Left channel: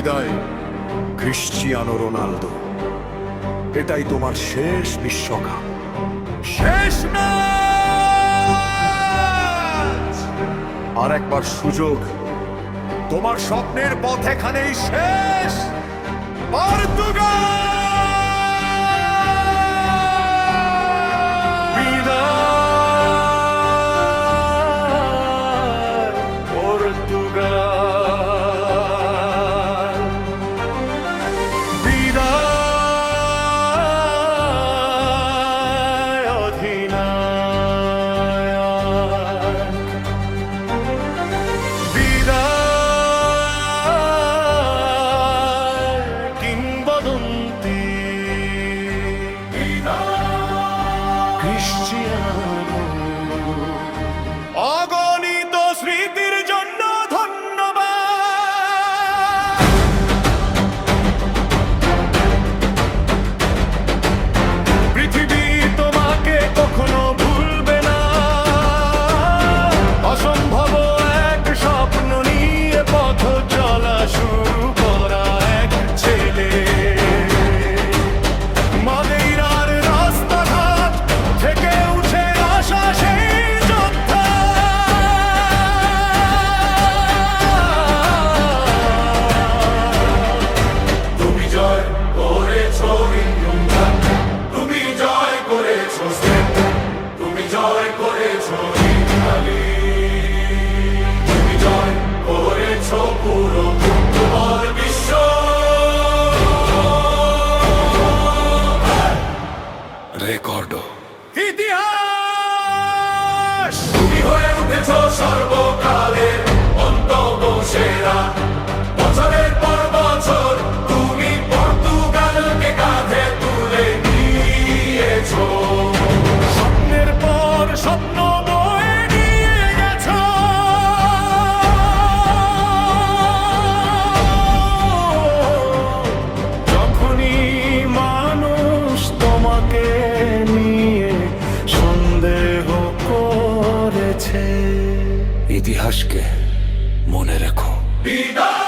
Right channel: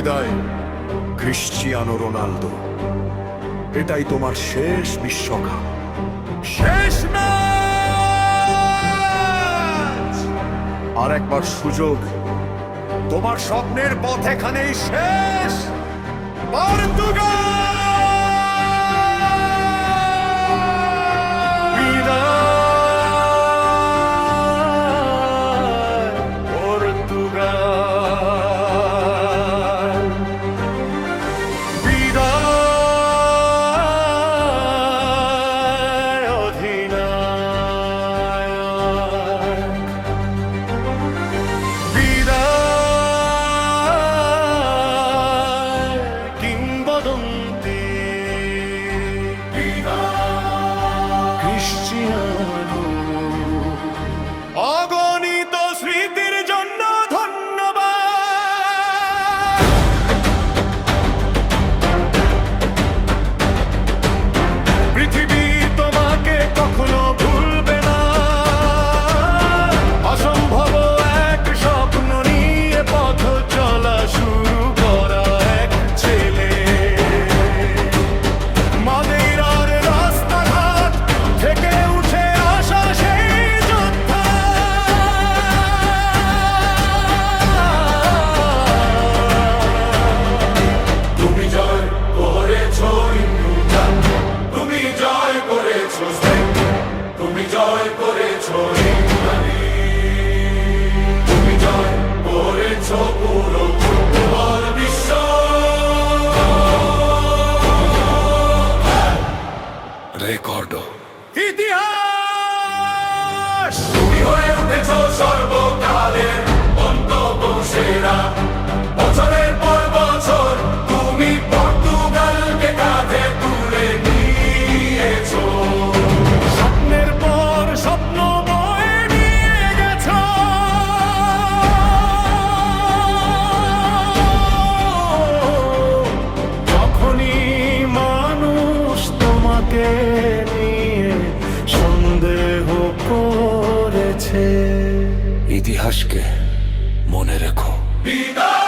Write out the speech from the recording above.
বিদায় Cristiano Ronaldo. এটাই তোমার শেষ বিশ্বকাপ, শেষ ম্যাচ। আর একবার সুযোগ, তোমার স্বপ্নের পথ এখানেই শেষ। পর্তুগাল বিদায়, পর্তুগাল বিদায়, অধিনায়ক বিদায়, কিংবদন্তি বিদায়, ক্রিশ্চিয়ানো। অগণিত স্মৃতির জন্য ধন্যবাদ। পৃথিবী তোমাকে কখনো ভুলবে না। অসম্ভব এক স্বপ্ন নিয়ে পথ চলা শুরু করা এক ছেলে। মাদেইরার রাস্তাঘাট থেকে উঠে আসা সেই যোদ্ধা। তুমি জয় করেছো ইংল্যান্ড, তুমি জয় করেছো স্পেন, তুমি জয় করেছো ইতালি, তুমি জয় করেছো পুরো ফুটবল বিশ্ব। রেকর্ডো ইতিহাস, তুমি হয়ে উঠেছো সর্বকালের অন্তত সেরা। বছরের পর বছর তুমি পর্তুগালকে কাঁধে তুলে নিয়েছো। স্বপ্নের পর স্বপ্ন বয়ে নিয়ে গেছো। যখনই মানুষ তোমাকে নিয়ে সন্দেহ করেছে, ইতিহাসকে মনে রেখো। বিদায়।